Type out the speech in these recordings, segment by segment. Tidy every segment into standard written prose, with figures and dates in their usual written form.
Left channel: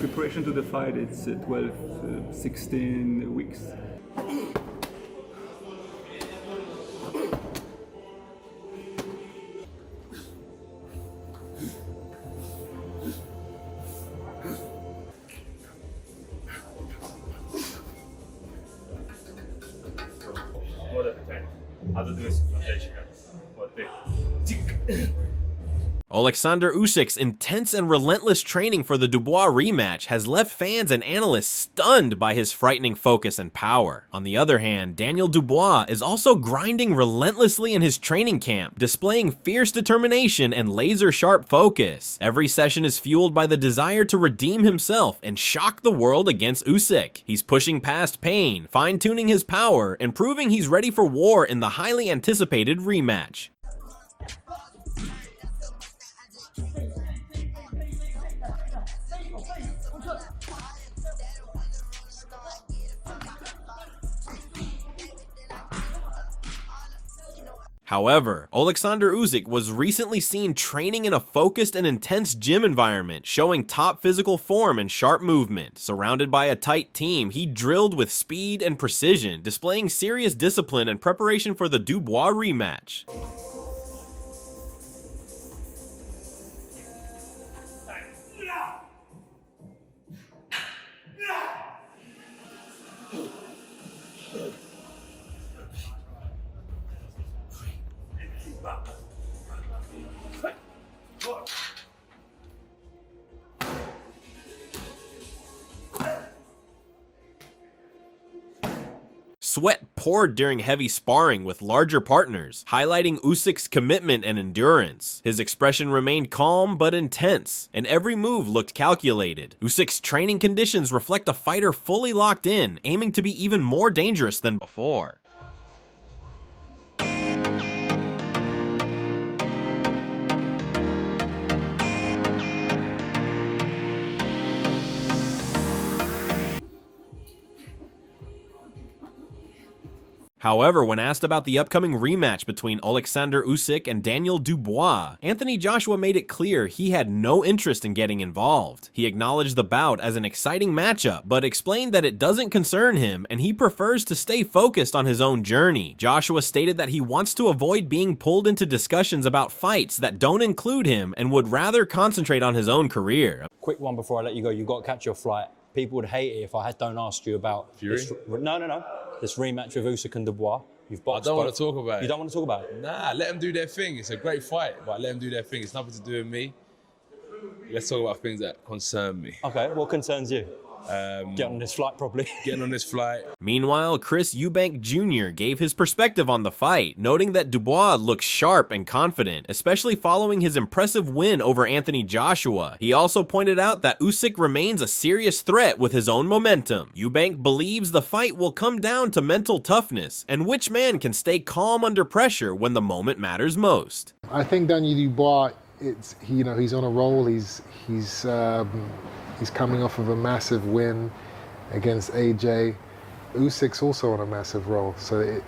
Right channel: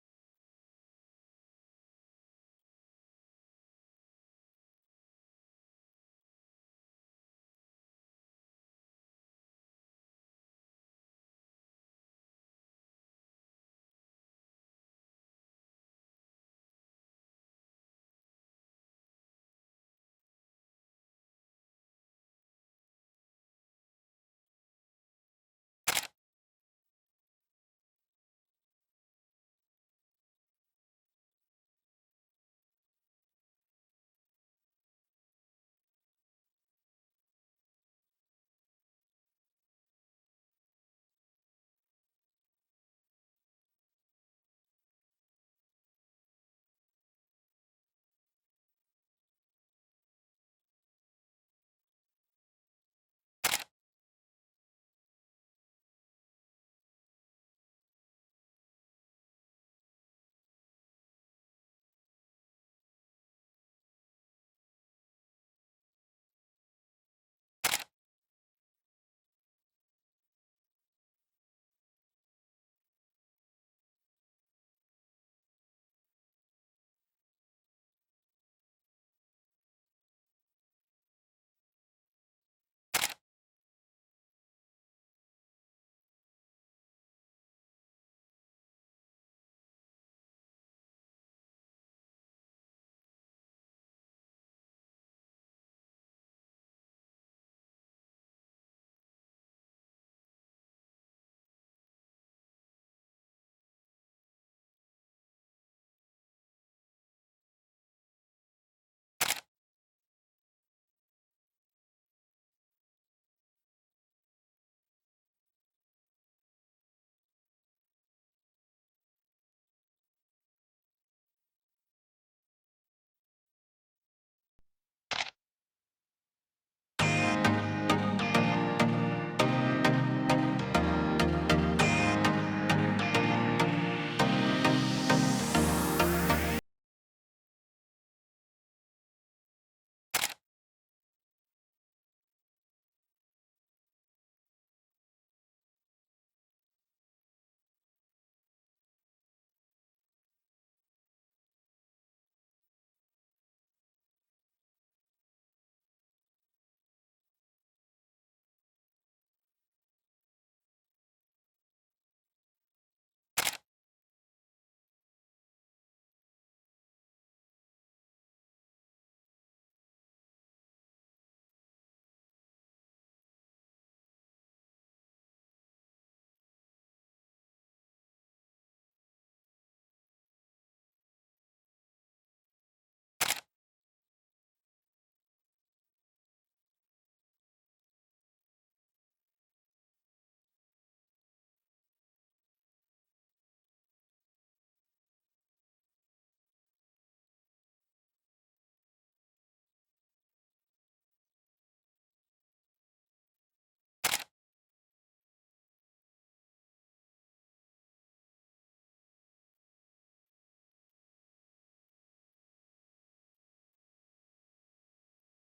Preparation to the fight, it's 12, 16 weeks. Oleksandr Usyk's intense and relentless training for the Dubois rematch has left fans and analysts stunned by his frightening focus and power. On the other hand, Daniel Dubois is also grinding relentlessly in his training camp, displaying fierce determination and laser-sharp focus. Every session is fueled by the desire to redeem himself and shock the world against Usyk. He's pushing past pain, fine-tuning his power, and proving he's ready for war in the highly anticipated rematch. However, Oleksandr Usyk was recently seen training in a focused and intense gym environment, showing top physical form and sharp movement. Surrounded by a tight team, he drilled with speed and precision, displaying serious discipline and preparation for the Dubois rematch. Sweat poured during heavy sparring with larger partners, highlighting Usyk's commitment and endurance. His expression remained calm but intense, and every move looked calculated. Usyk's training conditions reflect a fighter fully locked in, aiming to be even more dangerous than before. However, when asked about the upcoming rematch between Oleksandr Usyk and Daniel Dubois, Anthony Joshua made it clear he had no interest in getting involved. He acknowledged the bout as an exciting matchup, but explained that it doesn't concern him and he prefers to stay focused on his own journey. Joshua stated that he wants to avoid being pulled into discussions about fights that don't include him and would rather concentrate on his own career. Quick one before I let you go, you've got to catch your flight. People would hate it if I don't ask you about this. No. This rematch with Usyk and Dubois. You've boxed. I don't want to talk about it. You don't want to talk about it? Nah, let them do their thing. It's a great fight, but let them do their thing. It's nothing to do with me. Let's talk about things that concern me. Okay, what concerns you? Get on this flight properly. Getting on this flight. Meanwhile, Eubank Jr. gave his perspective on the fight, noting that Dubois looks sharp and confident, especially following his impressive win over Anthony Joshua. He also pointed out that Usyk remains a serious threat with his own momentum. Eubank believes the fight will come down to mental toughness and which man can stay calm under pressure when the moment matters most. I think Daniel Dubois, he's on a roll. He's coming off of a massive win against AJ. Usyk's also on a massive roll. So,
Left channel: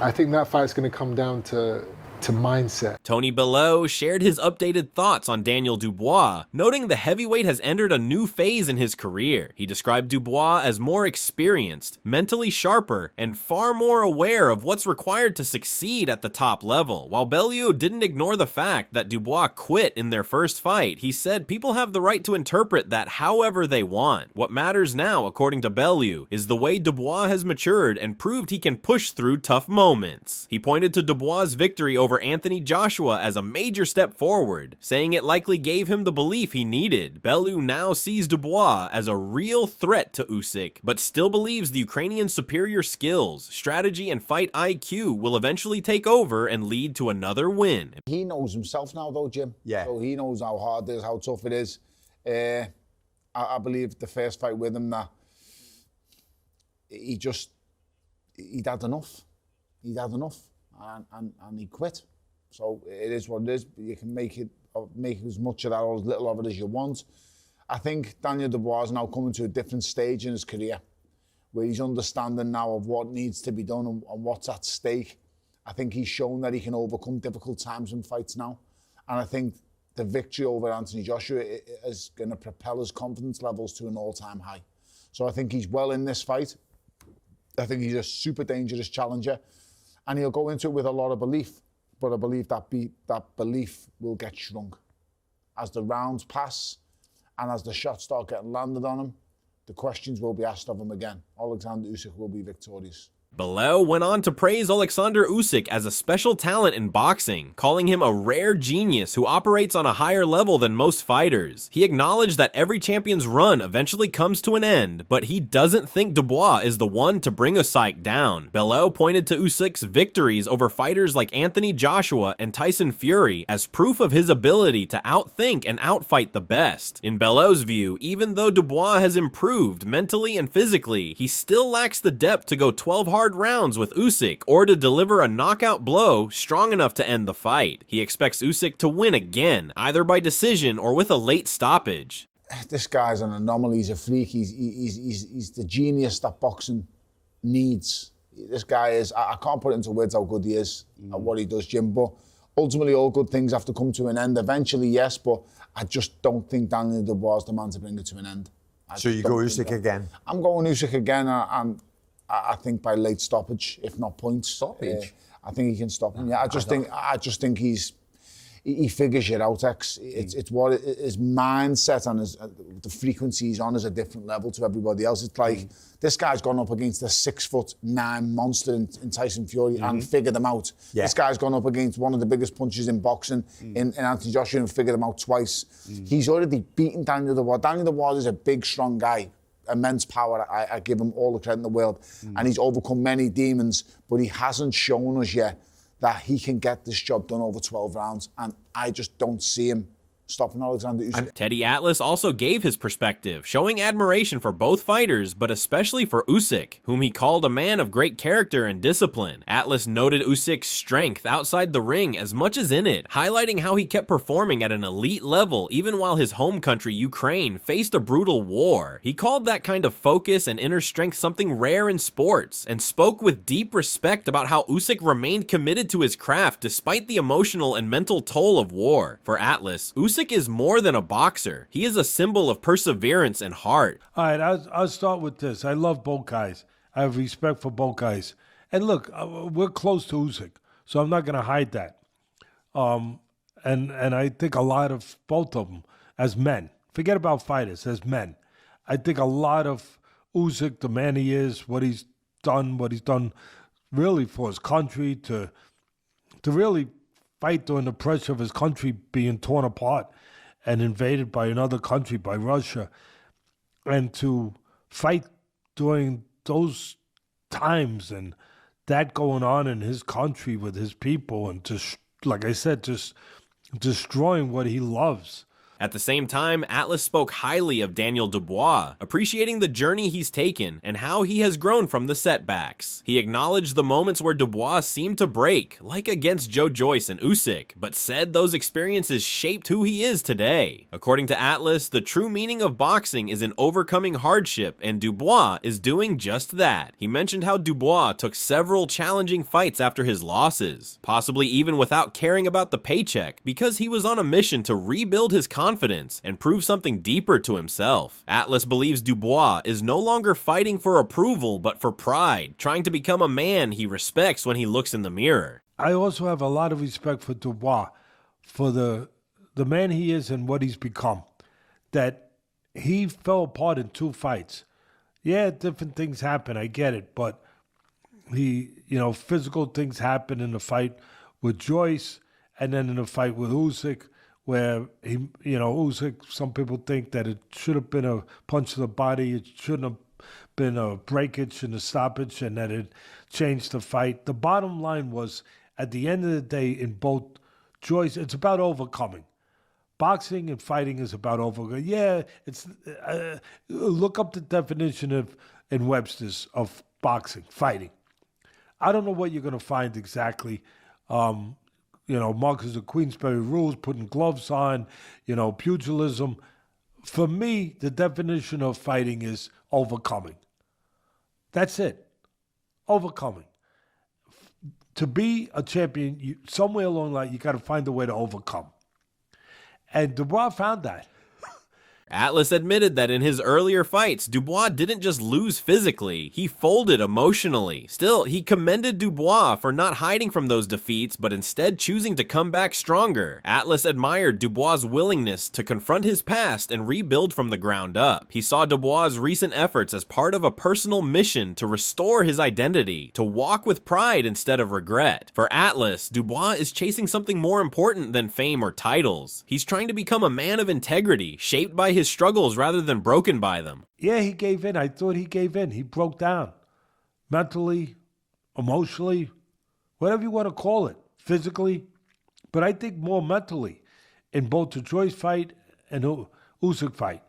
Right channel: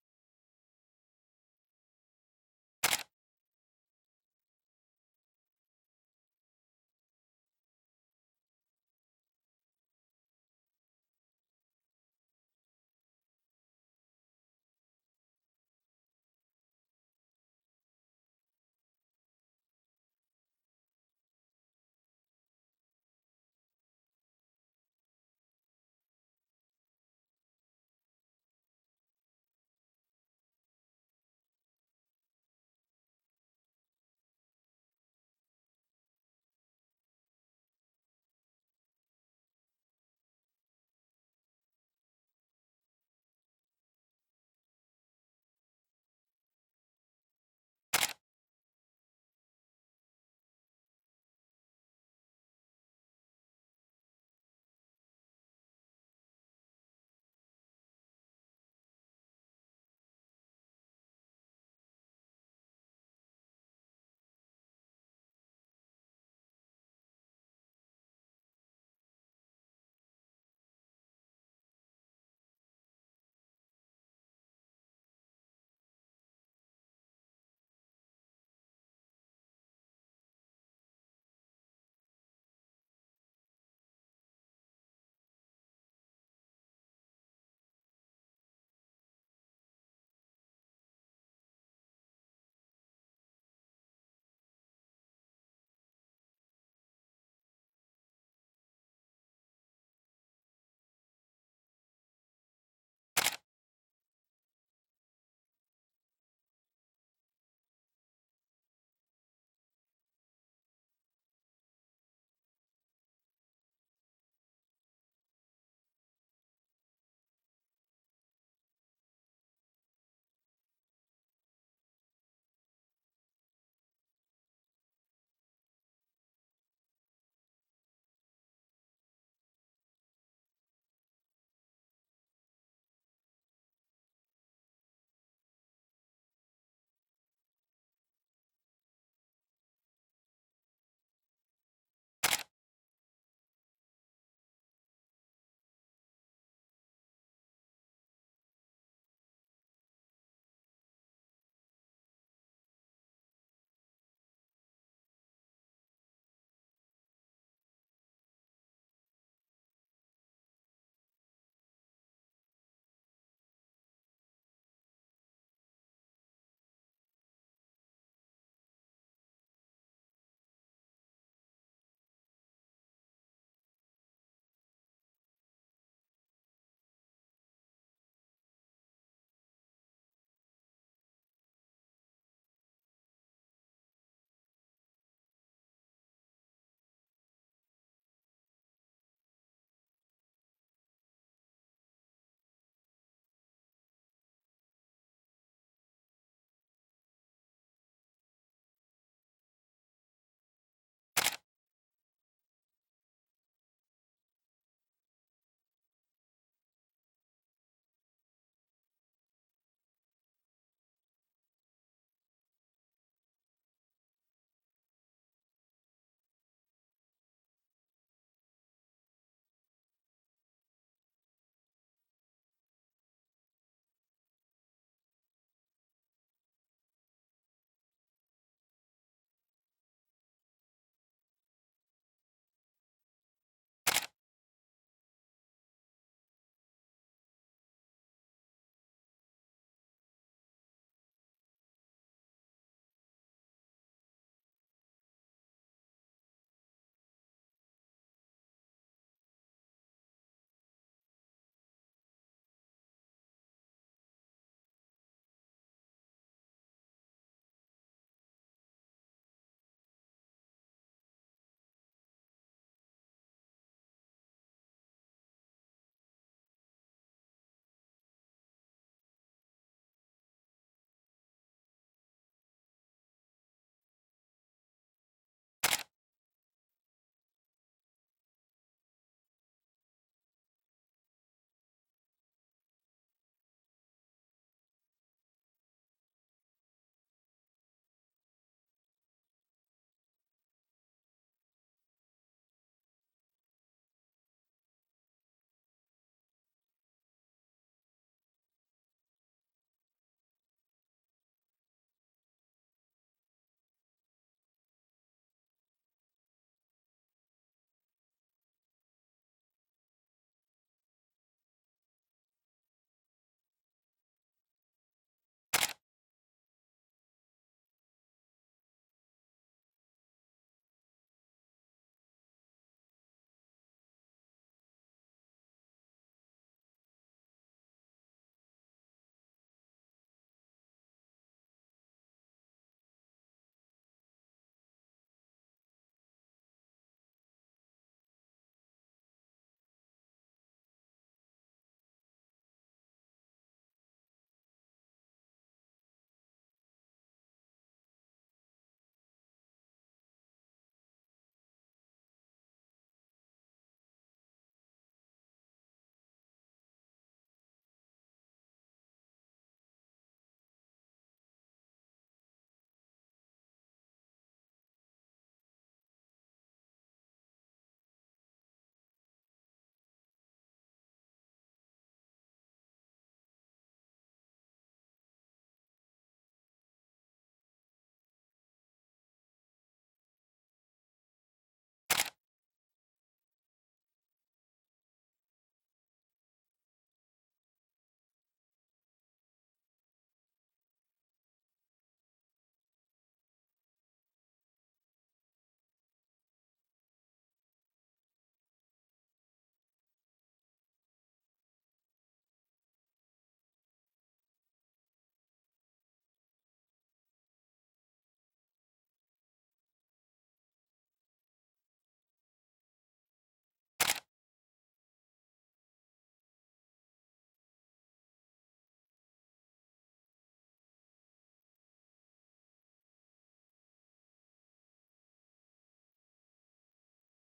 I think that fight's going to come down to mindset. Tony Bellew shared his updated thoughts on Daniel Dubois, noting the heavyweight has entered a new phase in his career. He described Dubois as more experienced, mentally sharper, and far more aware of what's required to succeed at the top level. While Bellew didn't ignore the fact that Dubois quit in their first fight, he said people have the right to interpret that however they want. What matters now, according to Bellew, is the way Dubois has matured and proved he can push through tough moments. He pointed to Dubois' victory over Anthony Joshua as a major step forward, saying it likely gave him the belief he needed. Bellew now sees Dubois as a real threat to Usyk, but still believes the Ukrainian's superior skills, strategy, and fight IQ will eventually take over and lead to another win. He knows himself now though, Jim. Yeah. So he knows how hard it is, how tough it is. I believe the first fight with him that he'd had enough. He'd had enough. And he quit. So it is what it is. You can make as much of that or as little of it as you want. I think Daniel Dubois is now coming to a different stage in his career where he's understanding now of what needs to be done and what's at stake. I think he's shown that he can overcome difficult times in fights now. And I think the victory over Anthony Joshua is going to propel his confidence levels to an all-time high. So I think he's well in this fight. I think he's a super dangerous challenger, and he'll go into it with a lot of belief, but I believe that belief will get shrunk. As the rounds pass and as the shots start getting landed on him, the questions will be asked of him again. Oleksandr Usyk will be victorious. Bellew went on to praise Oleksandr Usyk as a special talent in boxing, calling him a rare genius who operates on a higher level than most fighters. He acknowledged that every champion's run eventually comes to an end, but he doesn't think Dubois is the one to bring Usyk down. Bellew pointed to Usyk's victories over fighters like Anthony Joshua and Tyson Fury as proof of his ability to outthink and outfight the best. In Bellew's view, even though Dubois has improved mentally and physically, he still lacks the depth to go 12 hard rounds with Usyk or to deliver a knockout blow strong enough to end the fight. He expects Usyk to win again, either by decision or with a late stoppage. This guy's an anomaly. He's a freak. He's the genius that boxing needs. This guy is, I can't put it into words how good he is at what he does, Jim, but ultimately all good things have to come to an end. Eventually, yes, but I just don't think Daniel Dubois is the man to bring it to an end. So you go Usyk again? I'm going Usyk again, and I think by late stoppage, if not points. Stoppage? I think he can stop him. Yeah, I just think he figures it out. It's what his mindset and the frequency he's on is a different level to everybody else. It's like this guy's gone up against a 6'9" monster in Tyson Fury and figured him out. Yeah. This guy's gone up against one of the biggest punches in boxing in Anthony Joshua and figured him out twice. He's already beaten Daniel Dubois. Daniel Dubois is a big, strong guy. Immense power. I give him all the credit in the world. And he's overcome many demons, but he hasn't shown us yet that he can get this job done over 12 rounds. And I just don't see him stopping Oleksandr Usyk. Teddy Atlas also gave his perspective, showing admiration for both fighters, but especially for Usyk, whom he called a man of great character and discipline. Atlas noted Usyk's strength outside the ring as much as in it, highlighting how he kept performing at an elite level even while his home country, Ukraine, faced a brutal war. He called that kind of focus and inner strength something rare in sports, and spoke with deep respect about how Usyk remained committed to his craft despite the emotional and mental toll of war. For Atlas, Usyk is more than a boxer. He is a symbol of perseverance and heart. All right, I'll start with this. I love both guys. I have respect for both guys. And look, we're close to Usyk, so I'm not going to hide that. And I think a lot of both of them as men. Forget about fighters, as men. I think a lot of Usyk, the man he is, what he's done really for his country, to really fight during the pressure of his country being torn apart and invaded by another country, by Russia, and to fight during those times and that going on in his country with his people, and just, like I said, just destroying what he loves. At the same time, Atlas spoke highly of Daniel Dubois, appreciating the journey he's taken and how he has grown from the setbacks. He acknowledged the moments where Dubois seemed to break, like against Joe Joyce and Usyk, but said those experiences shaped who he is today. According to Atlas, the true meaning of boxing is in overcoming hardship, and Dubois is doing just that. He mentioned how Dubois took several challenging fights after his losses, possibly even without caring about the paycheck, because he was on a mission to rebuild his confidence and prove something deeper to himself. Atlas believes Dubois is no longer fighting for approval but for pride, trying to become a man he respects when he looks in the mirror. I also have a lot of respect for Dubois, for the man he is and what he's become. That he fell apart in 2 fights. Yeah, different things happen, I get it, but physical things happen in the fight with Joyce and then in the fight with Usyk, where Usyk, some people think that it should have been a punch to the body, it shouldn't have been a breakage and a stoppage, and that it changed the fight. The bottom line was, at the end of the day, in both Joyce, it's about overcoming. Boxing and fighting is about overcoming. Yeah, it's look up the definition in Webster's of boxing, fighting. I don't know what you're going to find exactly. Marcus of Queensberry rules, putting gloves on, pugilism. For me, the definition of fighting is overcoming. That's it. Overcoming. To be a champion, somewhere along the line, you got to find a way to overcome. And Dubois found that. Atlas admitted that in his earlier fights, Dubois didn't just lose physically, he folded emotionally. Still, he commended Dubois for not hiding from those defeats, but instead choosing to come back stronger. Atlas admired Dubois' willingness to confront his past and rebuild from the ground up. He saw Dubois' recent efforts as part of a personal mission to restore his identity, to walk with pride instead of regret. For Atlas, Dubois is chasing something more important than fame or titles. He's trying to become a man of integrity, shaped by his struggles rather than broken by them. Yeah, he gave in. I thought he gave in. He broke down. Mentally, emotionally, whatever you want to call it. Physically. But I think more mentally in both the Joyce fight and Usyk fight.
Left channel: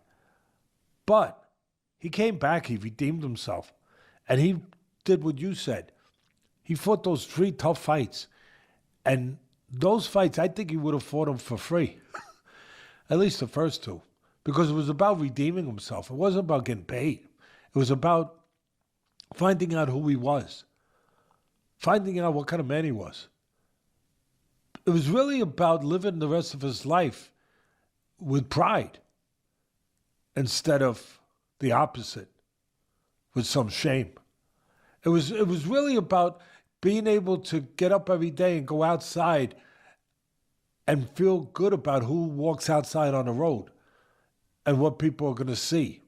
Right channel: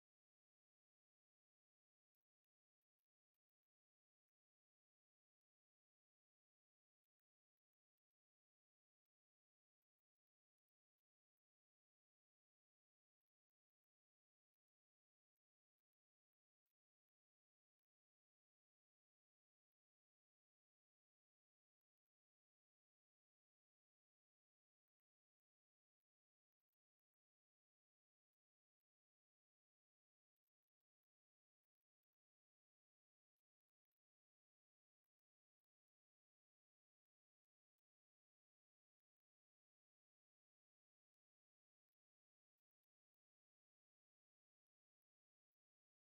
But he came back. He redeemed himself. And he did what you said. He fought those 3 tough fights. And those fights, I think he would have fought them for free. At least the first 2. Because it was about redeeming himself. It wasn't about getting paid. It was about finding out who he was. Finding out what kind of man he was. It was really about living the rest of his life with pride instead of the opposite, with some shame. It was really about being able to get up every day and go outside and feel good about who walks outside on the road and what people are going to see.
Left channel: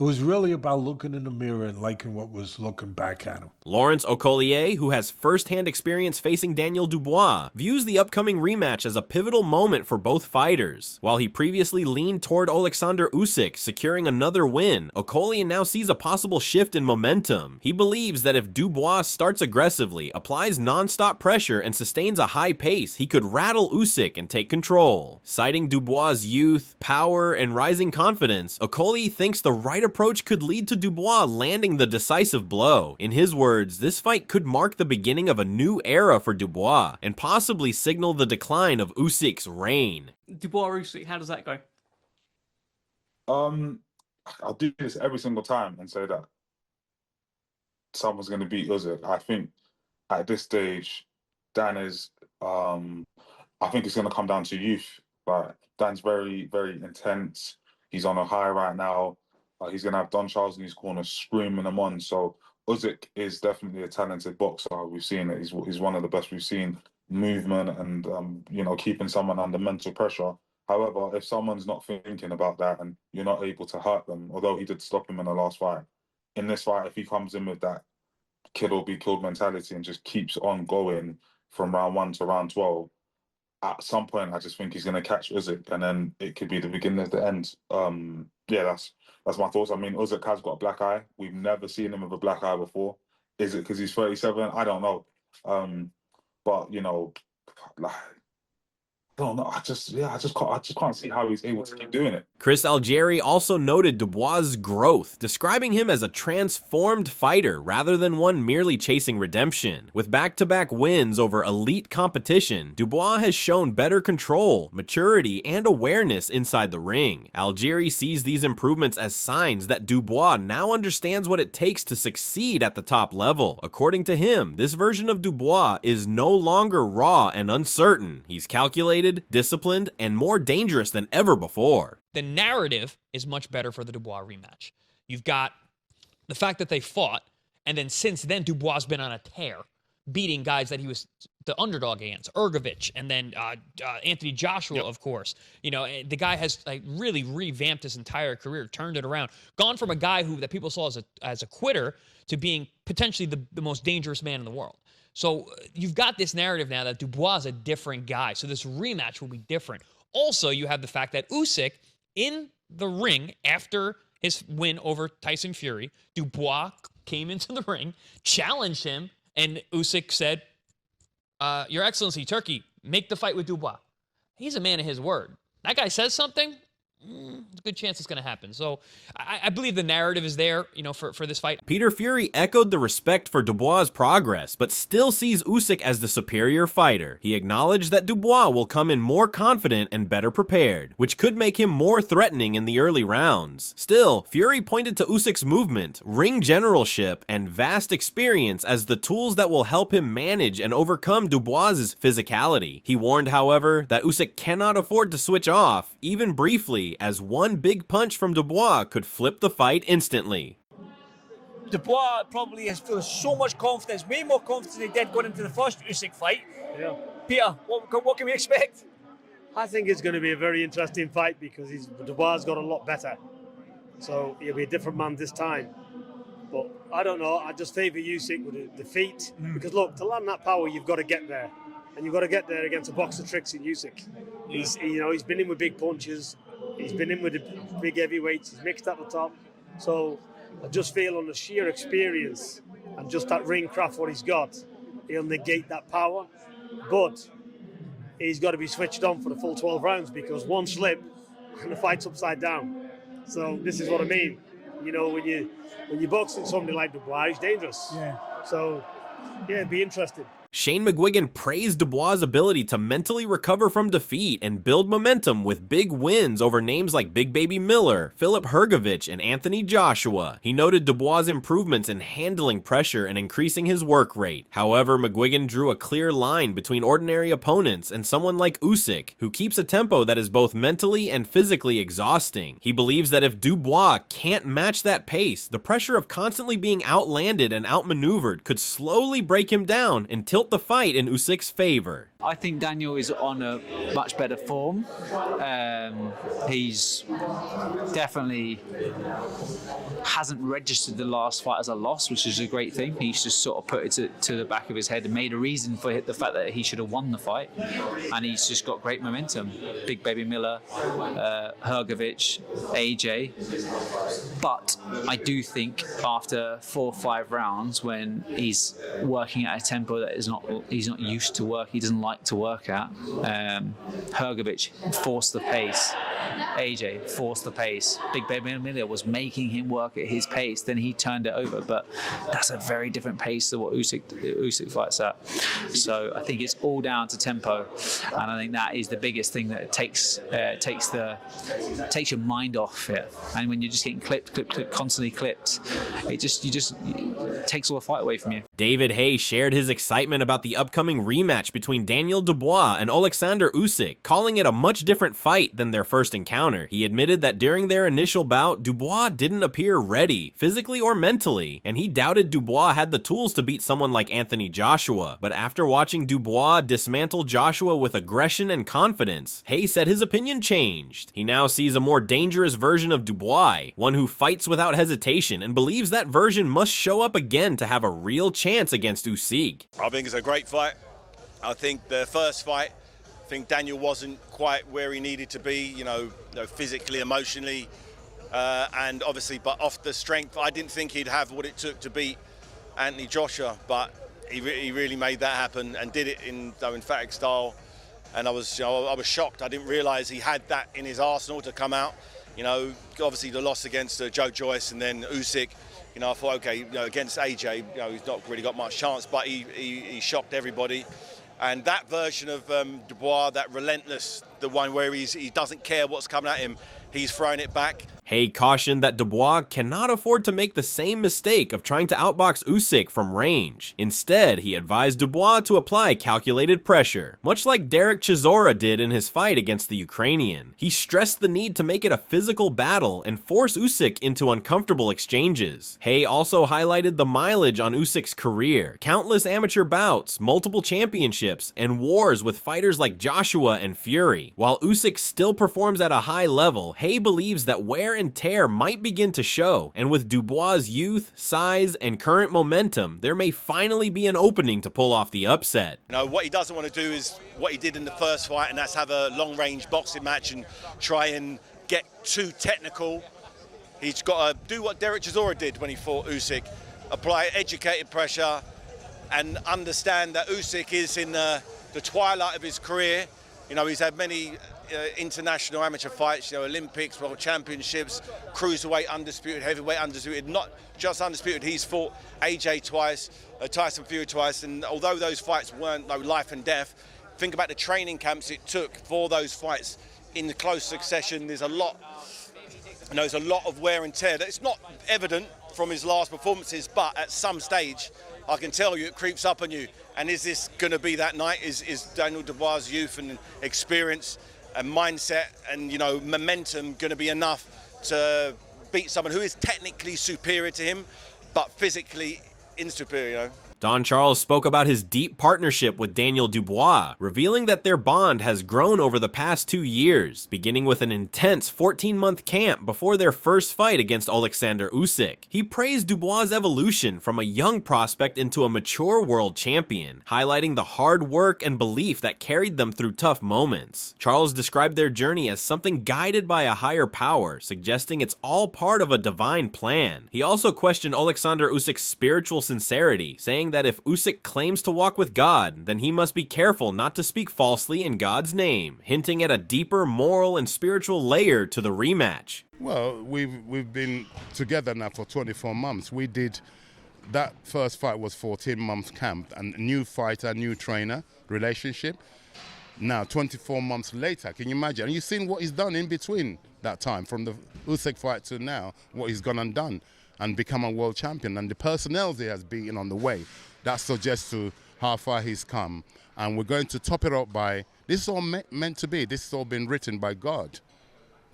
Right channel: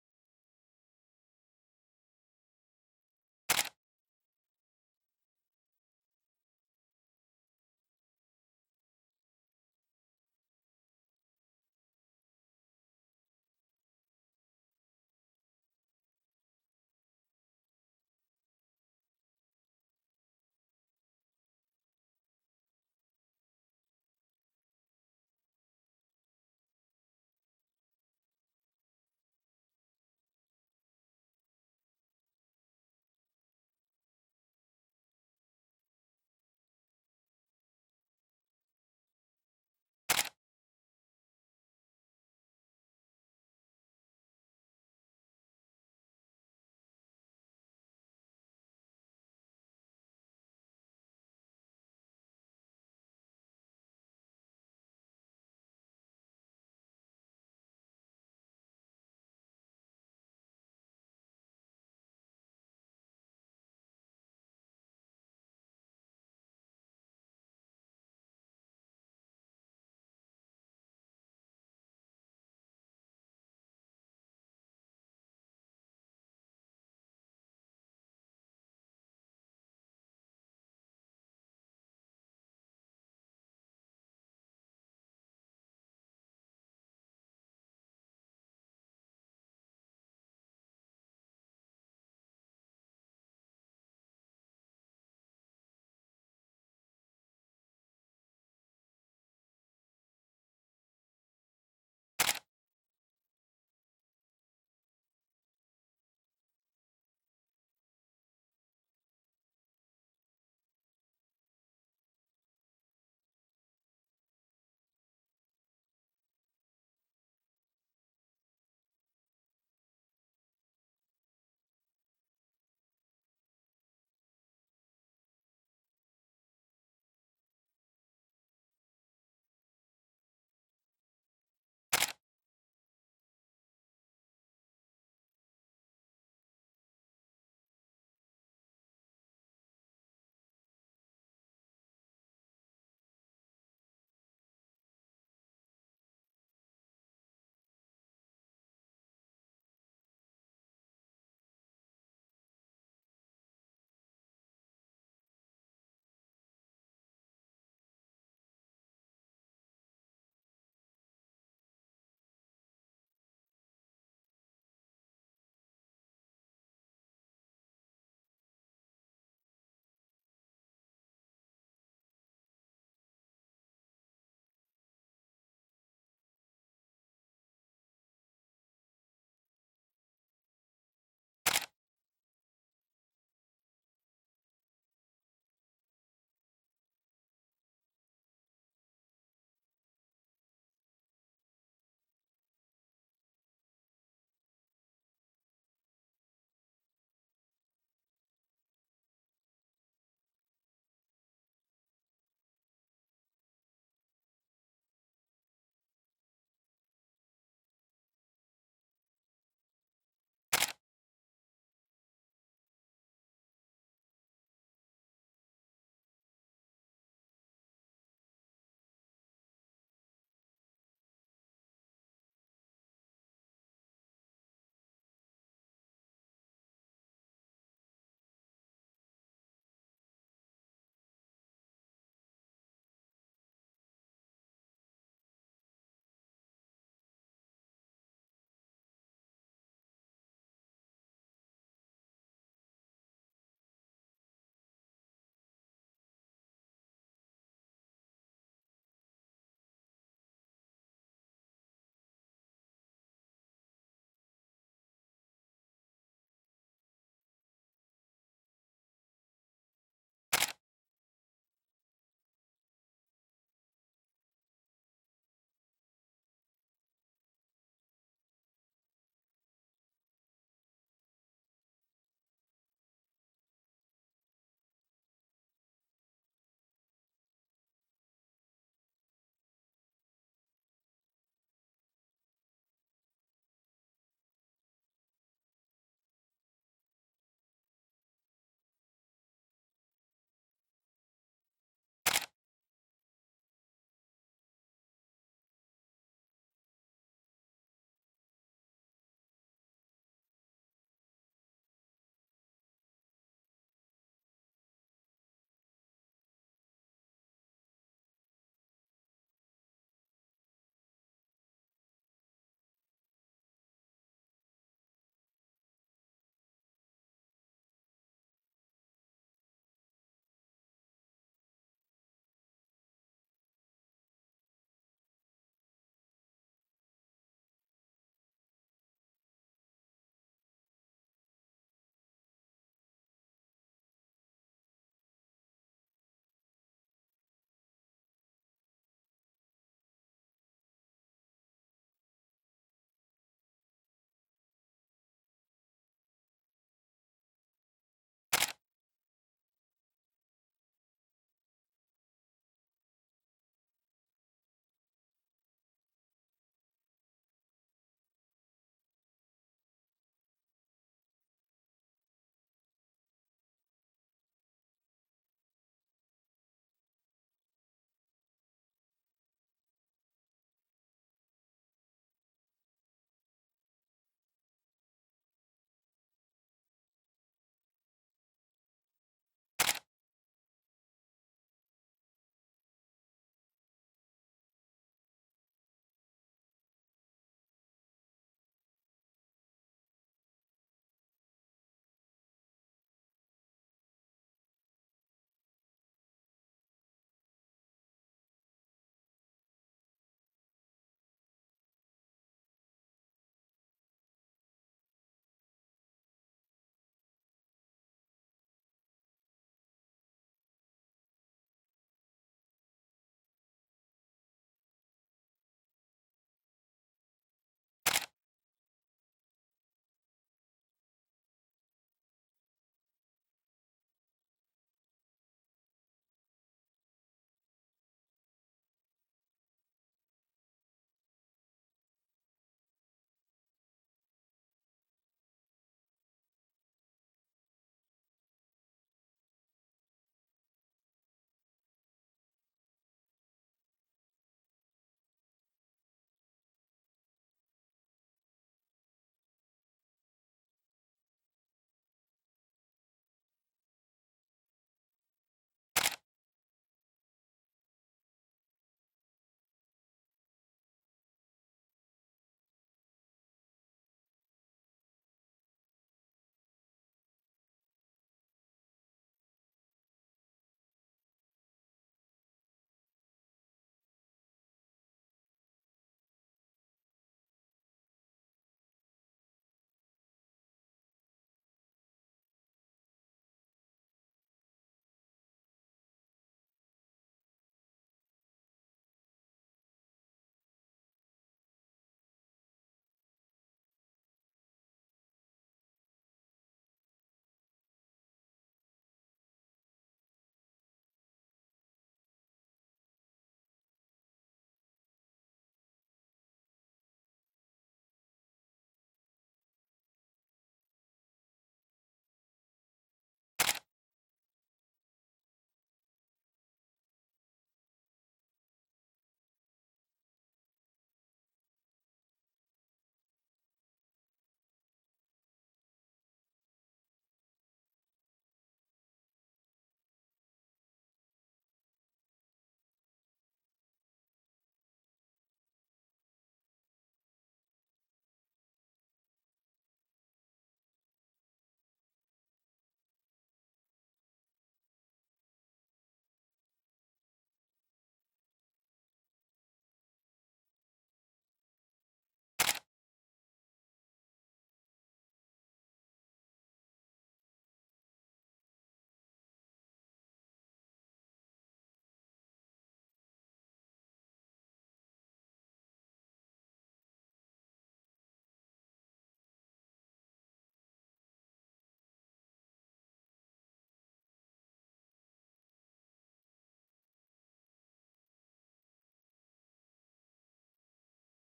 It was really about looking in the mirror and liking what was looking back at him. Lawrence Okolie, who has first-hand experience facing Daniel Dubois, views the upcoming rematch as a pivotal moment for both fighters. While he previously leaned toward Oleksandr Usyk securing another win, Okolie now sees a possible shift in momentum. He believes that if Dubois starts aggressively, applies non-stop pressure, and sustains a high pace, he could rattle Usyk and take control. Citing Dubois' youth, power, and rising confidence, Okolie thinks the right approach could lead to Dubois landing the decisive blow. In his words, this fight could mark the beginning of a new era for Dubois and possibly signal the decline of Usyk's reign. Dubois Usyk, how does that go? I'll do this every single time and say that someone's going to beat Usyk. I think at this stage, Dan is. I think it's going to come down to youth. But Dan's very, very intense. He's on a high right now. He's going to have Don Charles in his corner screaming him on. So Usyk is definitely a talented boxer. We've seen it. He's one of the best we've seen. Movement and, keeping someone under mental pressure. However, if someone's not thinking about that and you're not able to hurt them, although he did stop him in the last fight, in this fight, if he comes in with that kill or be killed mentality and just keeps on going from round 1 to round 12, at some point, I just think he's going to catch Usyk, and then it could be the beginning of the end. That's my thoughts. I mean, Usyk has got a black eye. We've never seen him with a black eye before. Is it because he's 37? I don't know. But I don't know. I just can't see how he's able to keep doing it. Chris Algieri also noted Dubois' growth, describing him as a transformed fighter rather than one merely chasing redemption. With back-to-back wins over elite competition, Dubois has shown better control, maturity, and awareness inside the ring. Algieri sees these improvements as signs that Dubois now understands what it takes to succeed at the top level. According to him, this version of Dubois is no longer raw and uncertain. He's calculated, disciplined, and more dangerous than ever before. The narrative is much better for the Dubois rematch. You've got the fact that they fought, and then since then, Dubois has been on a tear, beating guys that he was the underdog against, Ergovich, and then Anthony Joshua, of course. The guy has really revamped his entire career, turned it around, gone from a guy that people saw as a quitter to being potentially the most dangerous man in the world. So you've got this narrative now that Dubois is a different guy. So this rematch will be different. Also, you have the fact that Usyk, in the ring after his win over Tyson Fury, Dubois came into the ring, challenged him, and Usyk said, Your Excellency, Turkey, make the fight with Dubois. He's a man of his word. That guy says something, There's a good chance it's going to happen. So I believe the narrative is there, you know, for this fight. Peter Fury echoed the respect for Dubois' progress, but still sees Usyk as the superior fighter. He acknowledged that Dubois will come in more confident and better prepared, which could make him more threatening in the early rounds. Still, Fury pointed to Usyk's movement, ring generalship, and vast experience as the tools that will help him manage and overcome Dubois' physicality. He warned, however, that Usyk cannot afford to switch off, even briefly, as one big punch from Dubois could flip the fight instantly. Dubois probably has feels so much confidence, way more confidence than he did going into the first Usyk fight. Yeah. Peter, what can we expect? I think it's going to be a very interesting fight because Dubois got a lot better. So he'll be a different man this time. But I don't know, I just favour Usyk with the feet. Because look, to land that power, you've got to get there. And you've got to get there against a box of tricks in Usyk. He's been in with big punches. He's been in with the big heavyweights. He's mixed at the top. So I just feel on the sheer experience and just that ring craft what he's got, he'll negate that power. But he's got to be switched on for the full 12 rounds because one slip and the fight's upside down. So this is what I mean. You know, when you're boxing somebody like Dubois, he's dangerous. Yeah. So yeah, it'd be interesting. Shane McGuigan praised Dubois' ability to mentally recover from defeat and build momentum with big wins over names like Big Baby Miller, Filip Hrgović, and Anthony Joshua. He noted Dubois' improvements in handling pressure and increasing his work rate. However, McGuigan drew a clear line between ordinary opponents and someone like Usyk, who keeps a tempo that is both mentally and physically exhausting. He believes that if Dubois can't match that pace, the pressure of constantly being outlanded and outmaneuvered could slowly break him down and tilt the fight in Usyk's favor. I think Daniel is on a much better form. He's definitely hasn't registered the last fight as a loss, which is a great thing. He's just sort of put it to the back of his head and made a reason for the fact that he should have won the fight. And he's just got great momentum. Big Baby Miller, Hrgović, AJ. But I do think after 4 or 5 rounds, when he's working at a tempo that he's not used to work, he doesn't like to work at. Hrgović forced the pace. AJ forced the pace. Big Baby Miller was making him work at his pace, then he turned it over. But that's a very different pace to what Usyk fights at. So I think it's all down to tempo, and I think that is the biggest thing that takes your mind off it. And when you're just getting clipped, constantly clipped, it takes all the fight away from you. David Haye shared his excitement about the upcoming rematch between Daniel Dubois and Oleksandr Usyk, calling it a much different fight than their first encounter. He admitted that during their initial bout, Dubois didn't appear ready, physically or mentally, and he doubted Dubois had the tools to beat someone like Anthony Joshua. But after watching Dubois dismantle Joshua with aggression and confidence, Haye said his opinion changed. He now sees a more dangerous version of Dubois, one who fights without hesitation, and believes that version must show up again to have a real chance against Usyk. I think it's a great fight. I think the first fight, I think Daniel wasn't quite where he needed to be, physically, emotionally, and obviously, but off the strength, I didn't think he'd have what it took to beat Anthony Joshua, but he really made that happen and did it in emphatic style. And I was shocked. I didn't realise he had that in his arsenal to come out. Obviously the loss against Joe Joyce and then Usyk. I thought, okay, against AJ, he's not really got much chance, but he shocked everybody. And that version of Dubois, that relentless, the one where he doesn't care what's coming at him, he's throwing it back. Haye cautioned that Dubois cannot afford to make the same mistake of trying to outbox Usyk from range. Instead, he advised Dubois to apply calculated pressure, much like Derek Chisora did in his fight against the Ukrainian. He stressed the need to make it a physical battle and force Usyk into uncomfortable exchanges. Haye also highlighted the mileage on Usyk's career, countless amateur bouts, multiple championships, and wars with fighters like Joshua and Fury. While Usyk still performs at a high level, Haye believes that wear and tear might begin to show, and with Dubois' youth, size, and current momentum, there may finally be an opening to pull off the upset. What he doesn't want to do is what he did in the first fight, and that's have a long-range boxing match and try and get too technical. He's got to do what Derek Chisora did when he fought Usyk, apply educated pressure, and understand that Usyk is in the twilight of his career. He's had many international amateur fights, you know, Olympics, World Championships, cruiserweight undisputed, heavyweight undisputed, not just undisputed. He's fought AJ twice, Tyson Fury twice, and although those fights weren't no life and death, think about the training camps it took for those fights in the close succession. There's a lot, you know, there's a lot of wear and tear. It's not evident from his last performances, but at some stage, I can tell you it creeps up on you. And is this going to be that night? Is Daniel Dubois' youth and experience and mindset and, you know, momentum going to be enough to beat someone who is technically superior to him, but physically insuperior, you know? Don Charles spoke about his deep partnership with Daniel Dubois, revealing that their bond has grown over the past 2 years, beginning with an intense 14-month camp before their first fight against Oleksandr Usyk. He praised Dubois' evolution from a young prospect into a mature world champion, highlighting the hard work and belief that carried them through tough moments. Charles described their journey as something guided by a higher power, suggesting it's all part of a divine plan. He also questioned Oleksandr Usyk's spiritual sincerity, saying that if Usyk claims to walk with God, then he must be careful not to speak falsely in God's name, hinting at a deeper moral and spiritual layer to the rematch. Well, we've been together now for 24 months. We did, that first fight was 14 months camp, and new fighter, new trainer, relationship. Now, 24 months later, can you imagine? And you've seen what he's done in between that time, from the Usyk fight to now, what he's gone and done, and become a world champion, and the personnel he has beaten on the way. That suggests to how far he's come. And we're going to top it up by, this is all meant to be, this has all been written by God.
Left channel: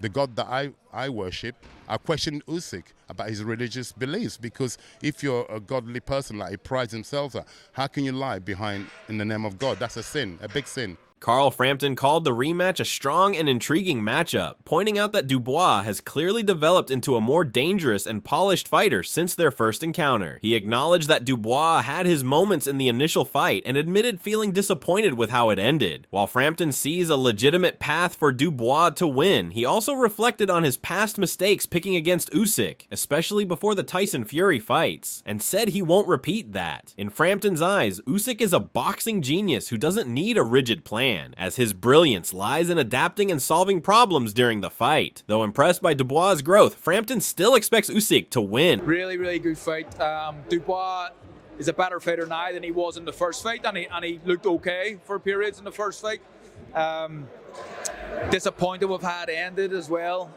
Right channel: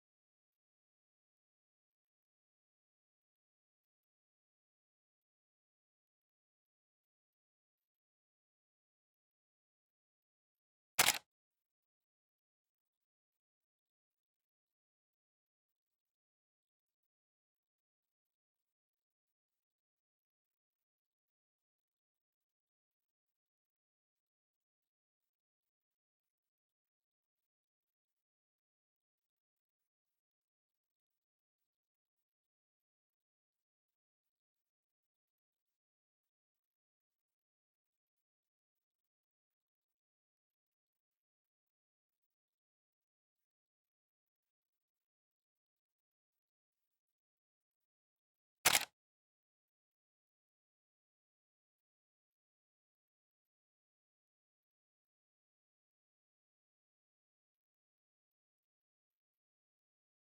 The God that I worship. I questioned Usyk about his religious beliefs, because if you're a godly person like he prides himself at, how can you lie behind in the name of God? That's a sin, a big sin. Carl Frampton called the rematch a strong and intriguing matchup, pointing out that Dubois has clearly developed into a more dangerous and polished fighter since their first encounter. He acknowledged that Dubois had his moments in the initial fight and admitted feeling disappointed with how it ended. While Frampton sees a legitimate path for Dubois to win, he also reflected on his past mistakes picking against Usyk, especially before the Tyson Fury fights, and said he won't repeat that. In Frampton's eyes, Usyk is a boxing genius who doesn't need a rigid plan, as his brilliance lies in adapting and solving problems during the fight. Though impressed by Dubois' growth, Frampton still expects Usyk to win. Really good fight. Dubois is a better fighter now than he was in the first fight, and he looked okay for periods in the first fight. Disappointed with how it ended as well,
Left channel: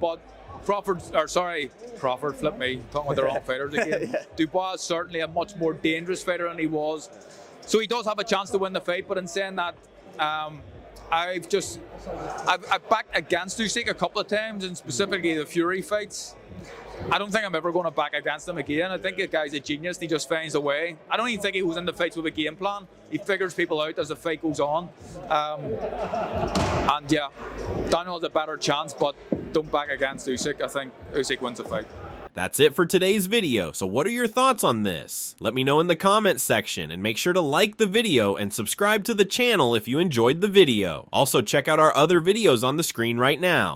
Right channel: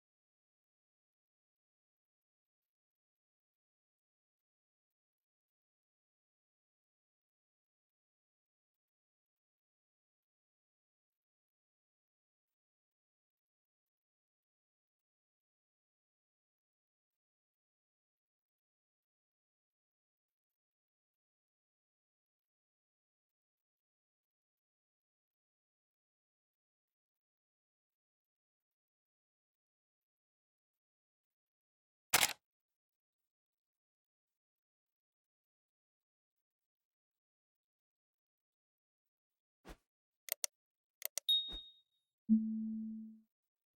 but Crawford, flip me, talking with the wrong fighters again. Dubois is certainly a much more dangerous fighter than he was. So he does have a chance to win the fight, but in saying that, I've backed against Usyk a couple of times, and specifically the Fury fights. I don't think I'm ever going to back against him again. I think the guy's a genius. He just finds a way. I don't even think he was in the fights with a game plan. He figures people out as the fight goes on. And yeah, Daniel has a better chance, but don't back against Usyk. I think Usyk wins the fight. That's it for today's video. So what are your thoughts on this? Let me know in the comments section, and make sure to like the video and subscribe to the channel if you enjoyed the video. Also check out our other videos on the screen right now.